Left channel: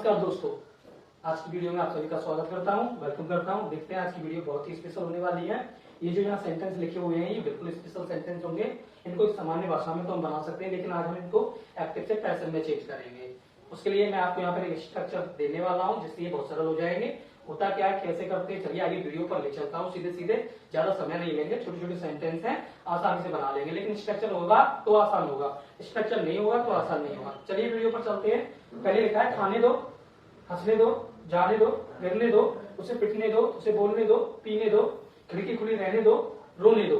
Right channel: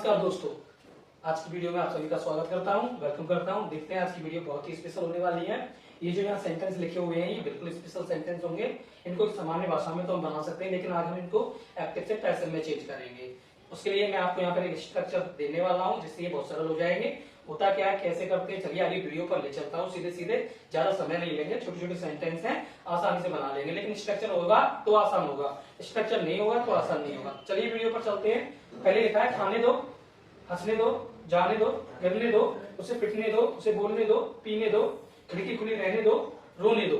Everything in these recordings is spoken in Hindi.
नमस्कार दोस्तों, आज की वीडियो में आप सभी का स्वागत करता हूं, वेलकम करता हूं। देखते हैं आज की वीडियो बहुत ही स्पेशल होने वाली है। ये जो यहाँ सेंटेंस लिखे हुए हैं ये बिल्कुल स्पेशल सेंटेंस होंगे। इनको एक सामान्य भाषा में तो हम बना सकते हैं, लेकिन आज हम इनको एक्टिव से पैसिव में चेंज करेंगे। उसके लिए मैं आपको यहाँ पर एक स्ट्रक्चर देने वाला हूँ, जिससे ये बहुत सरल हो जाएंगे। होता क्या है, कैसे करते हैं, चलिए आगे वीडियो पर ले चलता हूँ। सीधे सीधे, ज्यादा समय नहीं लेंगे, छोटे छोटे सेंटेंस हैं, आसानी से बना लेंगे। लेकिन स्ट्रक्चर होगा तो आसान होगा, स्ट्रक्चर नहीं होगा तो आसान नहीं होगा। चलिए वीडियो पर चलते हैं। पहले लिखा है खाने दो, हंसने दो, जाने दो, गिरने दो, उसे पिटने दो, उसे बोलने दो, पीने दो, खिड़की खुली रहने दो, रोने दो।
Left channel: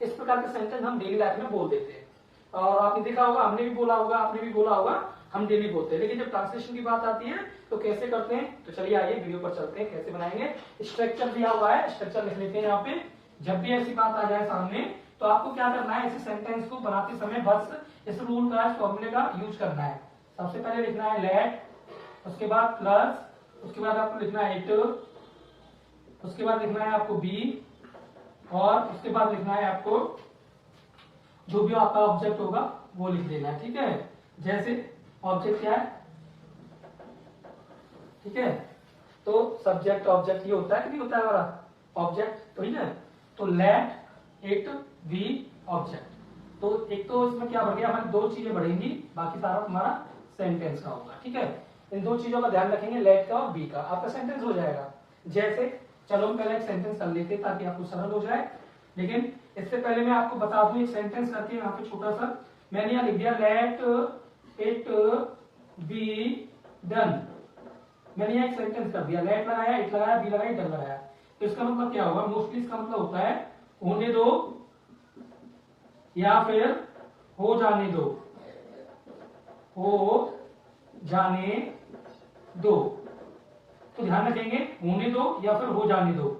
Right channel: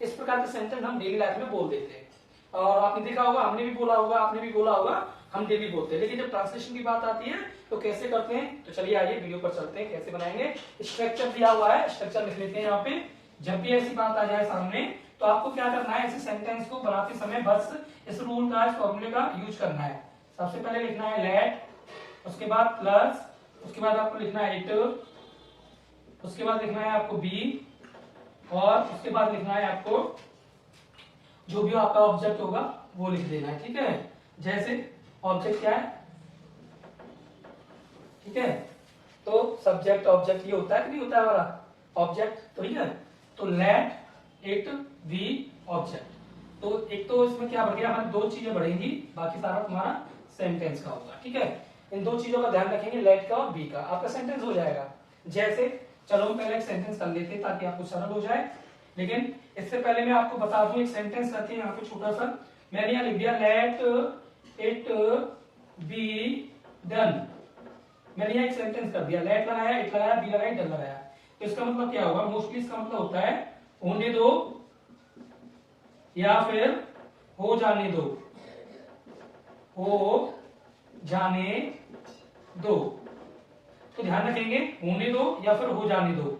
इस प्रकार के सेंटेंस हम डेली लाइफ में बोल देते हैं। और आपने देखा होगा, हमने भी बोला होगा, आपने भी बोला होगा, हम डेली बोलते हैं। लेकिन जब ट्रांसलेशन की बात आती है तो कैसे करते हैं, तो चलिए आइए वीडियो पर चलते हैं, कैसे बनाएंगे। स्ट्रक्चर दिया हुआ है, स्ट्रक्चर लिख लेते हैं यहाँ पे। जब भी ऐसी बात आ जाए सामने तो आपको क्या करना है, ऐसे सेंटेंस को बनाते समय बस इस रूल का, इस फॉर्मूले का यूज करना है। सबसे पहले लिखना है लेट, उसके बाद प्लस, उसके बाद आपको लिखना है इट, उसके बाद लिखना है आपको बी, और उसके बाद लिखना है आपको जो भी आपका ऑब्जेक्ट होगा वो लिख देना है। ठीक है, जैसे ऑब्जेक्ट क्या है, ठीक है, तो सब्जेक्ट ऑब्जेक्ट ये होता है कि नहीं होता है हमारा ऑब्जेक्ट, तो ठीक है। तो लेट इट बी ऑब्जेक्ट। तो एक तो इसमें क्या बढ़ गया, हमारी दो चीजें बढ़ेंगी, बाकी सारा तुम्हारा सेंटेंस का होगा। ठीक है, इन दो चीजों का ध्यान रखेंगे, लेट का और बी का, आपका सेंटेंस हो जाएगा। जैसे चलो हम पहले एक सेंटेंस कर लेते हैं ताकि आपको सरल हो जाए। लेकिन इससे पहले मैं आपको बता दूं, एक सेंटेंस करके यहाँ पे छोटा सा मैंने यहाँ लिख दिया, लेट इट बी डन। मैंने यहाँ एक सेंटेंस कर दिया, लेट लगाया, इट लगाया, बी लगाया, डन लगाया। तो इसका मतलब क्या होगा, मोस्टली इसका मतलब होता है होने दो या फिर हो जाने दो, हो जाने दो। तो ध्यान रखेंगे, होने दो या फिर हो जाने दो।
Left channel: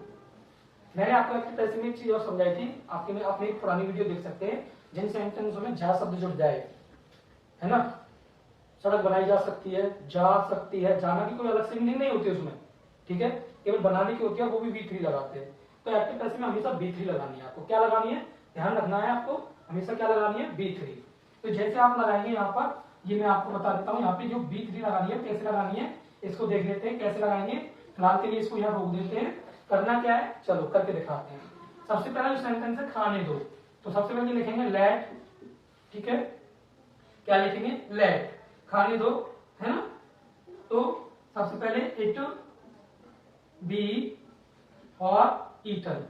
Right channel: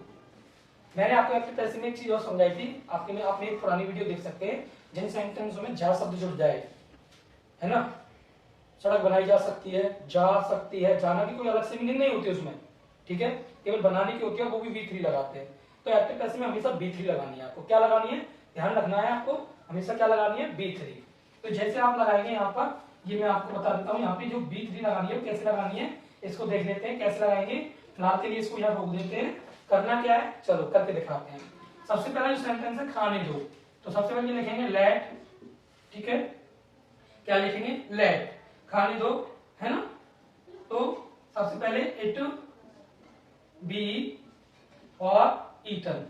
मैंने आपको एक चीज और समझाई थी, आपने एक पुरानी वीडियो देख सकते हैं, जिन सेंटेंसों में जा शब्द जुड़ जाए, है ना। सड़क बनाई जा सकती है, जा सकती है, जाना की कोई अलग से मीनिंग नहीं होती उसमें, ठीक है, केवल बनाने की होती है, वो भी V3 लगाते हैं। तो एक्टिव पैसिव में हमेशा B3 लगानी है। आपको क्या लगानी है, ध्यान रखना है आपको, हमेशा क्या लगानी है, B3। तो जैसे आप लगाएंगे यहाँ पर, ये मैं आपको बता देता हूँ, यहाँ पे जो B3 लगानी है कैसे लगानी है इसको देख लेते हैं कैसे लगाएंगे। फिलहाल के लिए इसको यहाँ रोक देते हैं। करना क्या है, चलो करके दिखाते हैं। सबसे पहला जो सेंटेंस है खाने दो, तो सबसे पहले लिखेंगे लेट, ठीक है, क्या लिखेंगे, लेट, खाने दो, है ना। तो सबसे पहले इट बी और ईटन,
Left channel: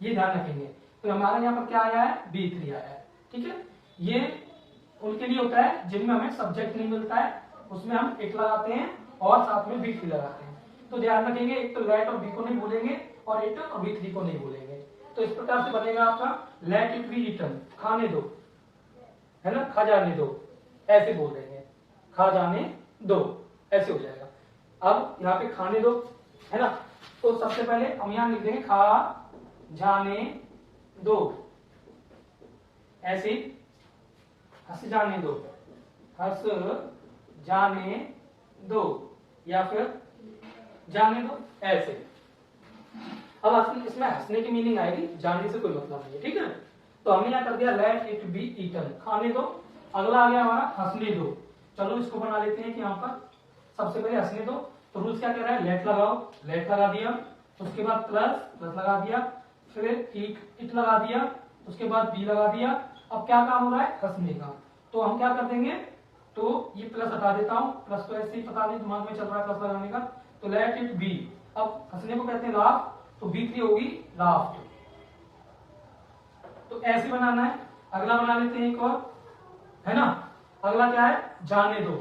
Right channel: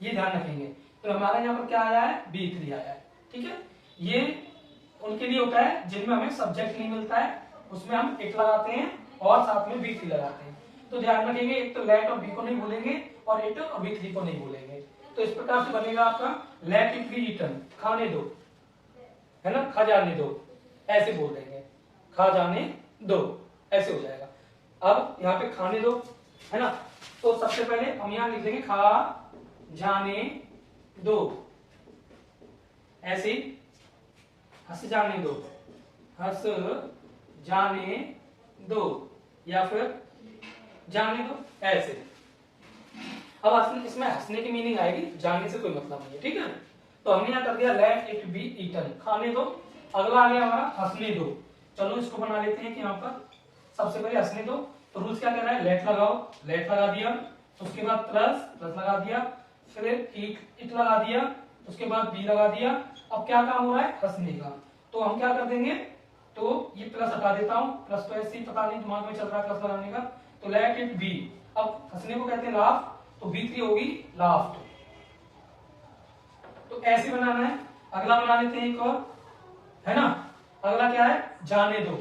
ये ध्यान रखेंगे। तो हमारा यहाँ पर क्या आया है, B3 आया है। ठीक है, ये उनके लिए होता है जिनमें हमें सब्जेक्ट नहीं मिलता है, उसमें हम इट लगाते हैं और साथ में B3 लगाते हैं। तो ध्यान रखेंगे, एक तो लेट और बी को नहीं भूलेंगे और इट और B3 को नहीं भूलेंगे। तो इस प्रकार से बनेगा आपका लेट इट बी ईटन, खाने दो, है ना, खा जाने दो, ऐसे बोल देंगे, खा जाने दो, ऐसे हो जाएगा। अब यहाँ पे खाने दो, है ना, तो सबसे पहले हम यहाँ लिख देंगे खा जाने दो, ऐसे हंस जाने दो, हंस जाने दो, या फिर जाने दो, ऐसे। अब इसमें हंसने की मीनिंग आएगी, जाने से कोई मतलब नहीं है। ठीक है, तो हमने यहाँ कर दिया लेट इट बी ईटन, खाने दो। अगला आ गया हमारा हंसने दो। चलो इसको बना लेते हैं कि यहाँ पर सबसे पहले हंसने दो। तो रूल्स क्या कह रहा है, लेट लगाओ, लेट लगा दिया, उसके बाद प्लस, प्लस लगा दिया, फिर इट लगा दिया, उसके बाद बी लगा दिया। अब क्या काम हो रहा है, हंसने का। तो हम क्या कर देंगे, तो ये प्लस हटा देता हूं, प्लस तो ऐसे ही पता नहीं दिमाग में चल रहा है प्लस लगाने का। तो लेट इट बी, अब हंसने को कहते हैं लाफ, तो B3 होगी लाफ्ड। तो ऐसे बनाना है। अगला बना लेते हैं एक और, है ना। अगला क्या है, जाने दो,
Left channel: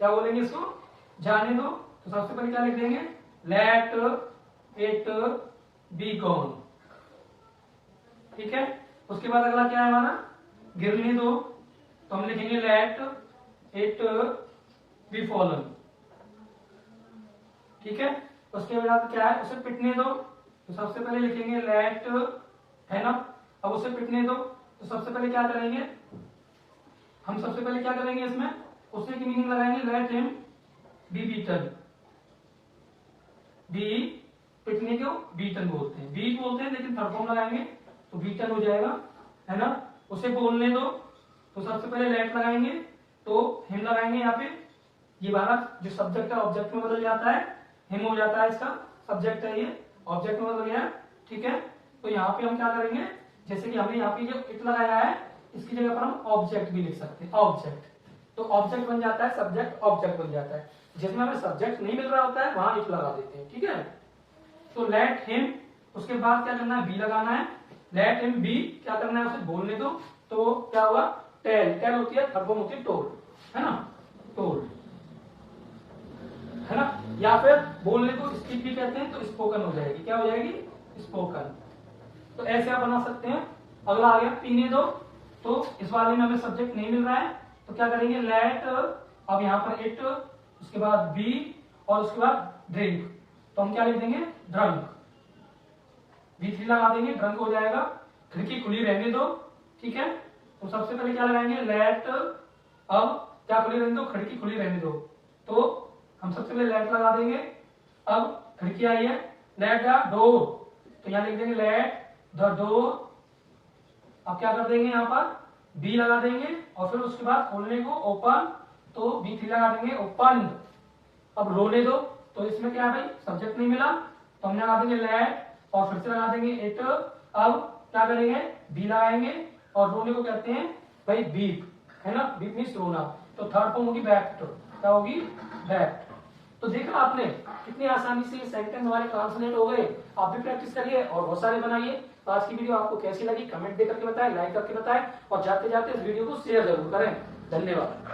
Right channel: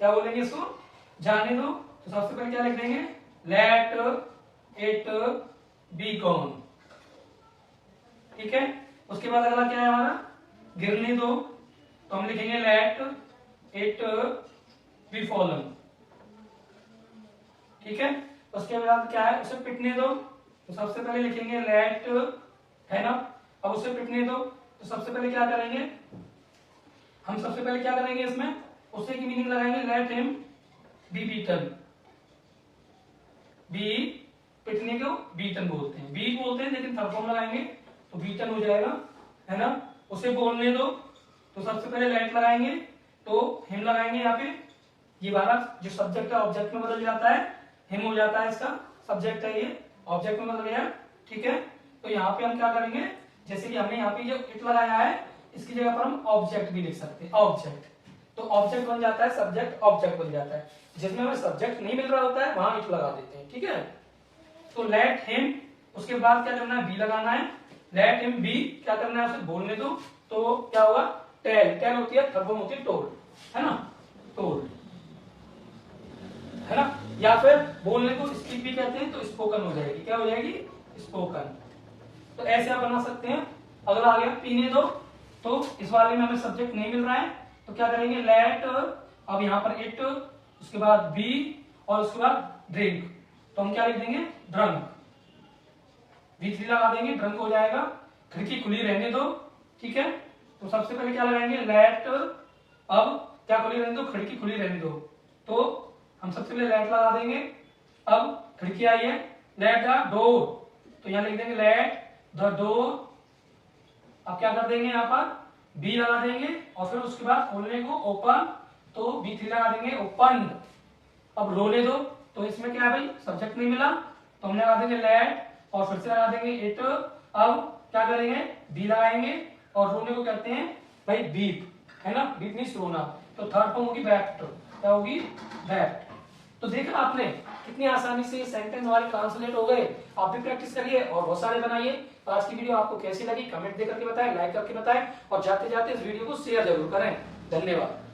क्या बोलेंगे इसको, जाने दो। तो सबसे पहले क्या लिख देंगे, लेट इट बी गॉन, ठीक है। उसके बाद अगला क्या है हमारा, गिरने दो, तो हम लिखेंगे लेट इट बी फॉलन, ठीक है। उसके बाद क्या है, उसे पिटने दो, तो सबसे पहले लिखेंगे लेट, है ना। अब उसे पिटने दो, तो सबसे पहले क्या करेंगे, हम सबसे पहले क्या करेंगे इसमें, उसे की मीनिंग लगाएंगे, let him be beaten. Be पिटने को बीटन बोलते हैं, बीट बोलते हैं लेकिन थर्ड फॉर्म लगाएंगे तो बीटन हो जाएगा, है ना। उसे बोलने दो, तो सबसे पहले लेट लगाएंगे, तो हिम लगाएंगे यहाँ पे, ये वाला जो सब्जेक्ट है ऑब्जेक्ट में बदल जाता है, हिम हो जाता है, इसका सब्जेक्ट है ये ऑब्जेक्ट में बदल गया। ठीक है, तो यहाँ पे हम क्या करेंगे, जैसे कि हमने यहाँ पे जो इट लगाया है इसकी जगह पर हम ऑब्जेक्ट भी लिख सकते हैं, ऑब्जेक्ट। तो ऑब्जेक्ट बन जाता है, सब्जेक्ट ऑब्जेक्ट बन जाता है। जिसमें हमें सब्जेक्ट नहीं मिल रहा होता है वहां इट लगा देते हैं। ठीक है, तो लेट हिम, उसके बाद क्या करना है, बी लगाना है। लेट हिम बी, क्या करना है, उसे बोलने दो। तो क्या होगा, टेल, टेल होती है, थर्ड फॉर्म होती है टोल्ड, है ना, टोल्ड, है ना। या फिर बोलने को स्पीक भी कहते हैं, तो स्पोकन हो जाएगी, क्या हो जाएगी, स्पोकन। तो ऐसे आप बना सकते हैं। अगला आ गया पीने दो, तो इस वाले में हमें सब्जेक्ट नहीं मिल रहा है, तो क्या करेंगे, लेट, अब यहाँ पर इट, उसके बाद बी और उसके बाद ड्रिंक, तो हम क्या लिख देंगे, ड्रंक, V3 लगा देंगे, ड्रंक हो जाएगा। खिड़की खुली रहने दो। ठीक है, तो सबसे पहले क्या लगाएंगे, लेट, अब क्या खुली रहने दो, खिड़की खुली रहने दो, तो हम सबसे पहले लेट लगा देंगे। अब खिड़की आई है, लेट द डोर, तो यहां लिख देंगे लेट द डोर। अब क्या कर देंगे, यहाँ पर बी लगा देंगे और फिर उसके बाद खोलने को ओपन, तो B3 लगा देंगे, ओपन। अब रोने दो, तो इसमें क्या है भाई, सब्जेक्ट नहीं मिला, तो हम लगा देंगे लेट और फिर से लगा देंगे इट। अब क्या करेंगे, बी लगाएंगे और रोने को कहते हैं भाई बीप, है ना, बीप मीन्स रोना। तो थर्ड फॉर्म होगी बैक्ट, क्या होगी, बैक्ट। तो देखा आपने कितनी आसानी से सेंटेंस हमारे ट्रांसलेट हो गए। आप भी प्रैक्टिस करिए और बहुत सारे बनाइए। तो आज की वीडियो आपको कैसी लगी कमेंट दे करके बताएं, लाइक करके बताएं और जाते जाते इस वीडियो को शेयर जरूर करें। धन्यवाद।